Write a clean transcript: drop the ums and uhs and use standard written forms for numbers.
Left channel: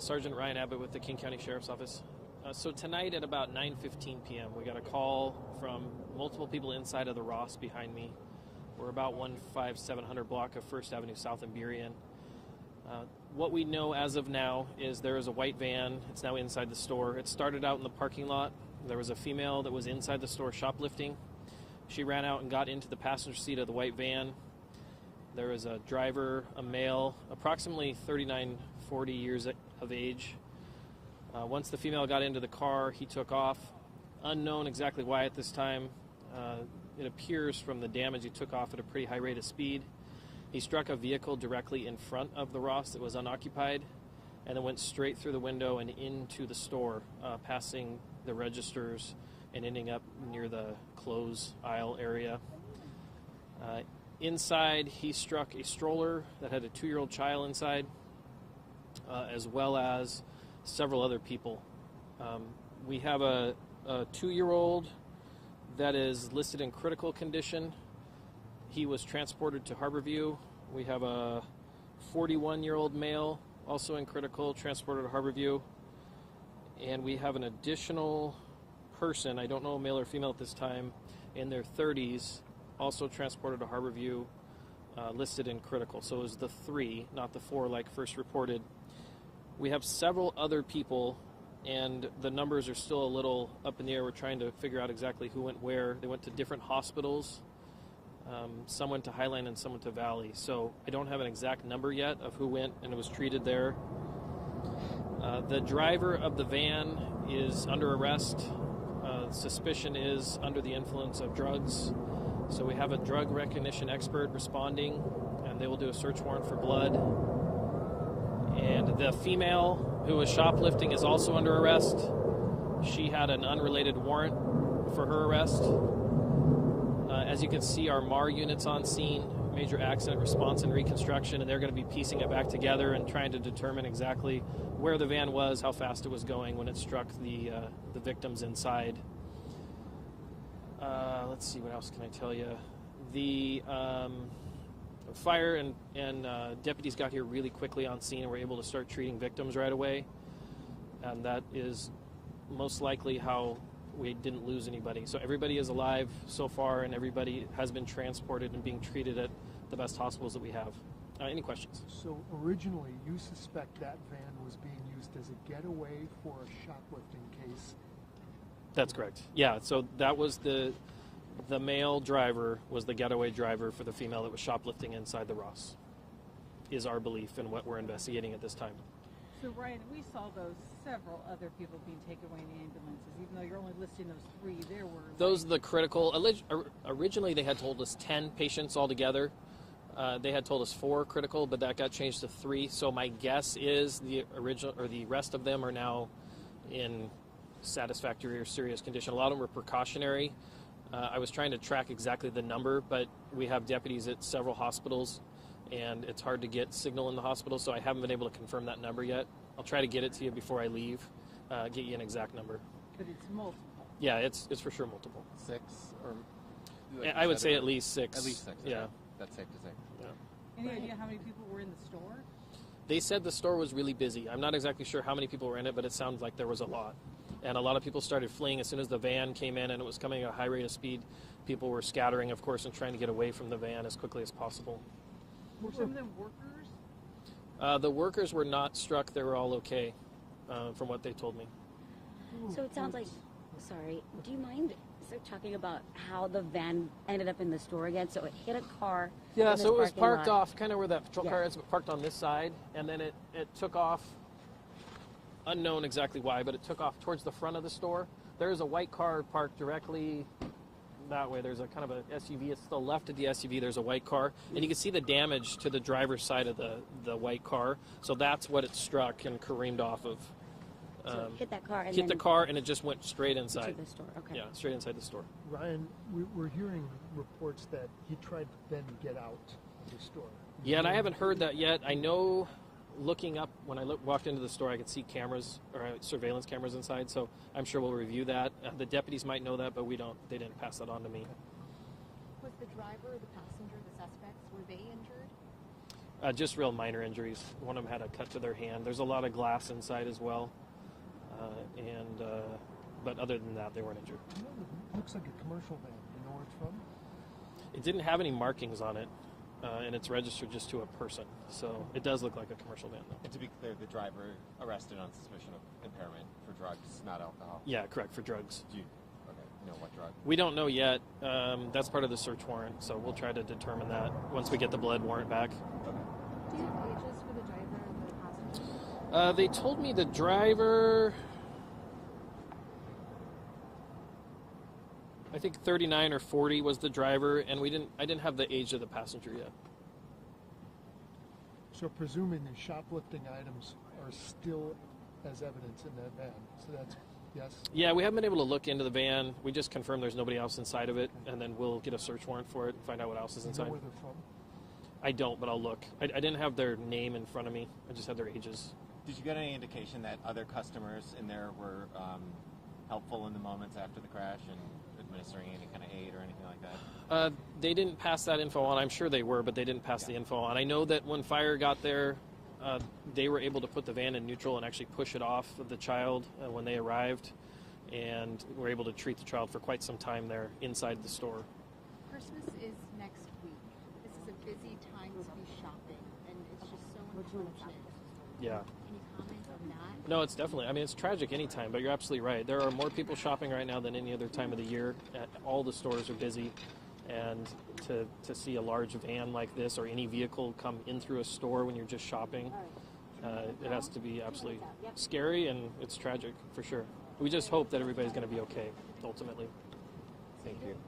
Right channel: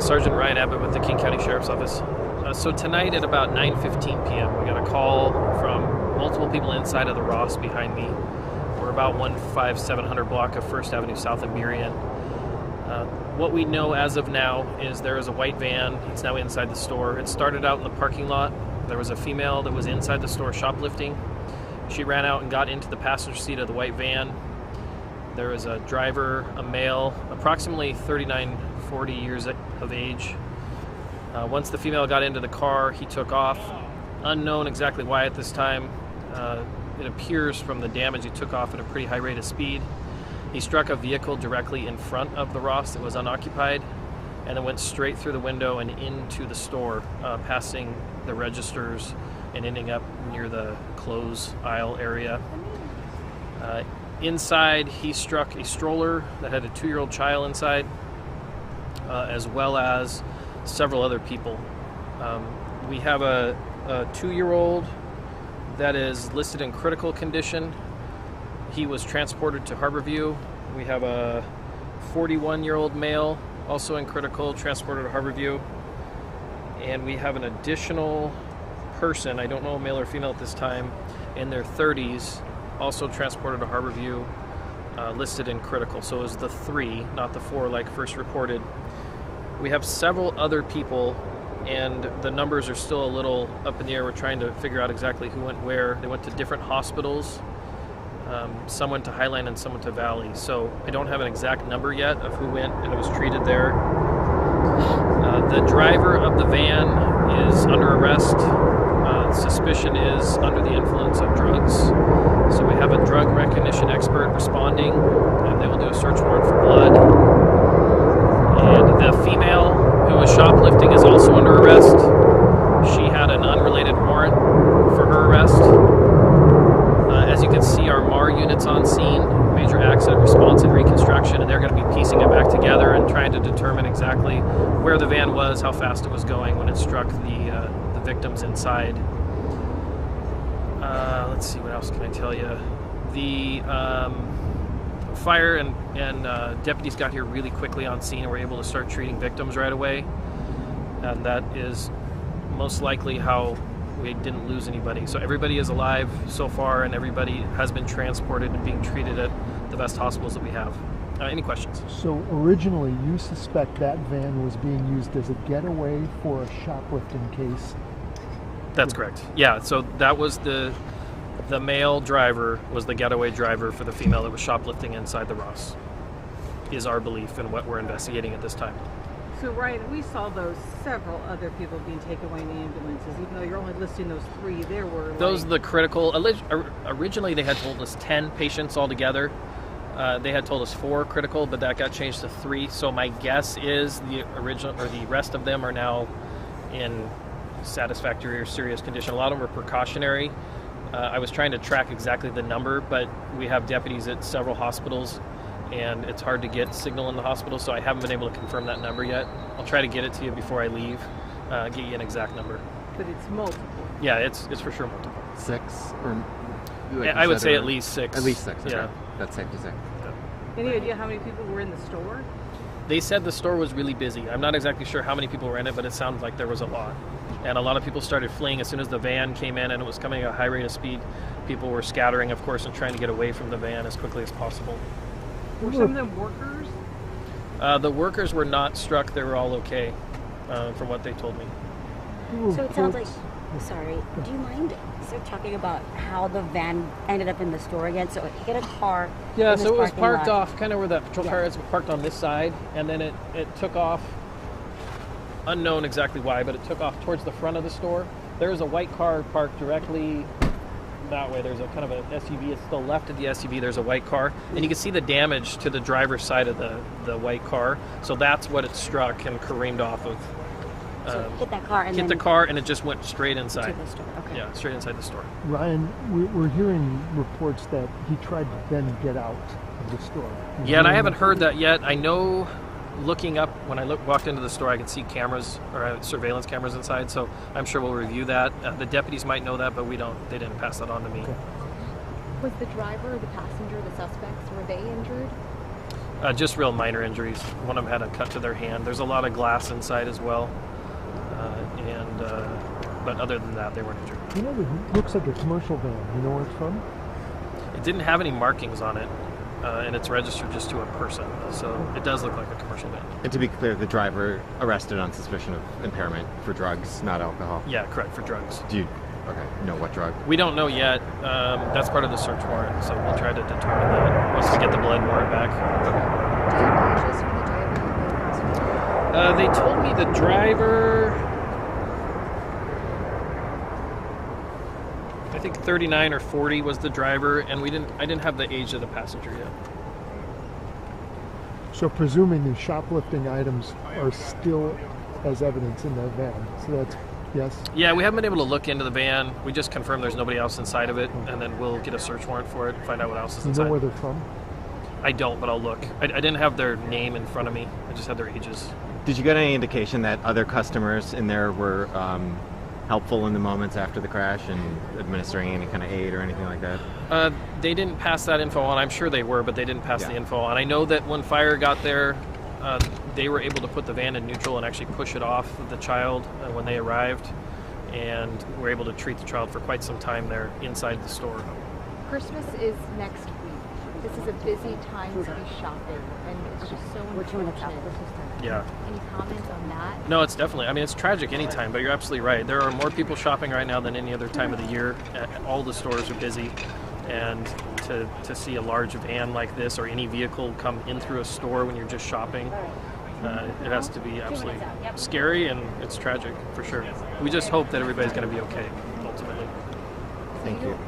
Sergeant Ryan Abbott with the King County Sheriff's Office. So tonight at about 9:15 p.m. we got a call from multiple people inside of the Ross behind me. We're about 15700 block of 1st Avenue South in Burien. What we know as of now is there is a white van. It's now inside the store. It started out in the parking lot. There was a female that was inside the store shoplifting. She ran out and got into the passenger seat of the white van. There was a driver, a male, approximately 39, 40 years of age. Once the female got into the car, he took off. Unknown exactly why at this time. It appears from the damage he took off at a pretty high rate of speed. He struck a vehicle directly in front of the Ross that was unoccupied and then went straight through the window and into the store, passing the registers and ending up near the clothes aisle area. Inside, he struck a stroller that had a 2-year-old child inside, as well as several other people. We have a 2-year-old that is listed in critical condition. He was transported to Harborview. We have a 41-year-old male, also in critical, transported to Harborview. And we have an additional person, I don't know male or female at this time, in their 30s, also transported to Harborview, listed in critical. So it was the 3, not the 4 like first reported. We have several other people, and the numbers are still a little up in the air. We're trying to figure out exactly who went where. They went to different hospitals. Some went to Highline and some went to Valley. So I don't have an exact number yet of who went and was treated there. The driver of the van is under arrest. Suspicion is under the influence of drugs. So we have a drug recognition expert responding, and they will do a search warrant for blood. And the female who was shoplifting is also under arrest. She had an unrelated warrant for her arrest. As you can see, our MAR unit's on scene, major accident response and reconstruction, and they're going to be piecing it back together and trying to determine exactly where the van was, how fast it was going when it struck the victims inside. Let's see, what else can I tell you? The fire and deputies got here really quickly on scene and were able to start treating victims right away. And that is most likely how we didn't lose anybody. So everybody is alive so far, and everybody has been transported and being treated at the best hospitals that we have. Any questions? So originally you suspect that van was being used as a getaway for a shoplifting case? That's correct. Yeah, so that was the male driver was the getaway driver for the female that was shoplifting inside the Ross, is our belief and what we're investigating at this time. So, Ryan, we saw those several other people being taken away in ambulances, even though you're only listing those 3. There were those the critical. Originally, they had told us 10 patients altogether. They had told us 4 critical, but that got changed to 3. So my guess is the rest of them are now in satisfactory or serious condition. A lot of them were precautionary. I was trying to track exactly the number, but we have deputies at several hospitals, and it's hard to get signal in the hospital, so I haven't been able to confirm that number yet. I'll try to get it to you before I leave, get you an exact number. But it's multiple. Yeah, it's for sure multiple. 6? Or like I would say at least 6. At least 6, okay. Yeah. That's safe to say. Yeah. Any idea how many people were in the store? They said the store was really busy. I'm not exactly sure how many people were in it, but it sounded like there was a lot. And a lot of people started fleeing as soon as the van came in and it was coming at a high rate of speed. People were scattering, of course, and trying to get away from the van as quickly as possible. Were some of them workers? The workers were not struck. They were all okay, from what they told me. So it sounds like, sorry, do you mind talking about how the van ended up in the store again? So it hit a car. Yeah, so it was parking parked lot. off kind of where the patrol car is, parked on this side, and then it took off, unknown exactly why, but it took off towards the front of the store. There's a white car parked directly that way. There's a kind of an SUV. It's still left of the SUV. There's a white car, and you can see the damage to the driver's side of the white car. So that's what it struck and careened off of. So it hit that car and hit then the car, and it just went straight inside. to the store. Okay. Yeah, straight inside the store. Ryan, we're hearing reports that he tried to then get out of the store. Yeah, and I haven't heard that yet. I know, looking up, when I walked into the store, I could see cameras, or surveillance cameras inside, so I'm sure we'll review that. The deputies might know that, but we don't. They didn't pass that on to me. Okay. Was the driver, the passenger, the suspects, were they injured? Just real minor injuries. One of them had a cut to their hand. There's a lot of glass inside as well. But other than that, they weren't injured. You know, it looks like a commercial van. You know where it's from? It didn't have any markings on it, and it's registered just to a person. So it does look like a commercial van. And to be clear, the driver arrested on suspicion of impairment for drugs, not alcohol. Yeah, correct, for drugs. Do you know what drug? We don't know yet. That's part of the search warrant, so we'll try to determine that once we get the blood warrant back. They told me the driver, I think 39 or 40 was the driver, and I didn't have the age of the passenger yet. So presuming the shoplifting items are still as evidence in that van. So that's, yes? Yeah, we haven't been able to look into the van. We just confirmed there's nobody else inside of it, and then we'll get a search warrant for it and find out what else is You inside. know where they're from? I don't, but I'll look. I didn't have their name in front of me. I just had their ages. Did you get any indication that other customers in there were helpful in the moments after the crash and administering any kind of aid or anything like that? They didn't pass that info on. I'm sure they were, but they didn't pass the info on. I know that when fire got there, they were able to put the van in neutral and actually push it off the child when they arrived, and were able to treat the child for quite some time there inside the store. Christmas is next week. This is a busy time to be shopping, and it's just so unfortunate. Yeah. Any comments on that? No, it's definitely, I mean, it's tragic anytime, but you're absolutely right. There are more people shopping right now than any other time of the year. All the stores are busy, and to see a large van like this or any vehicle come in through a store when you're just shopping, it has to be absolutely scary, and it's tragic for sure. We just hope that everybody's going to be okay, ultimately. Thank you.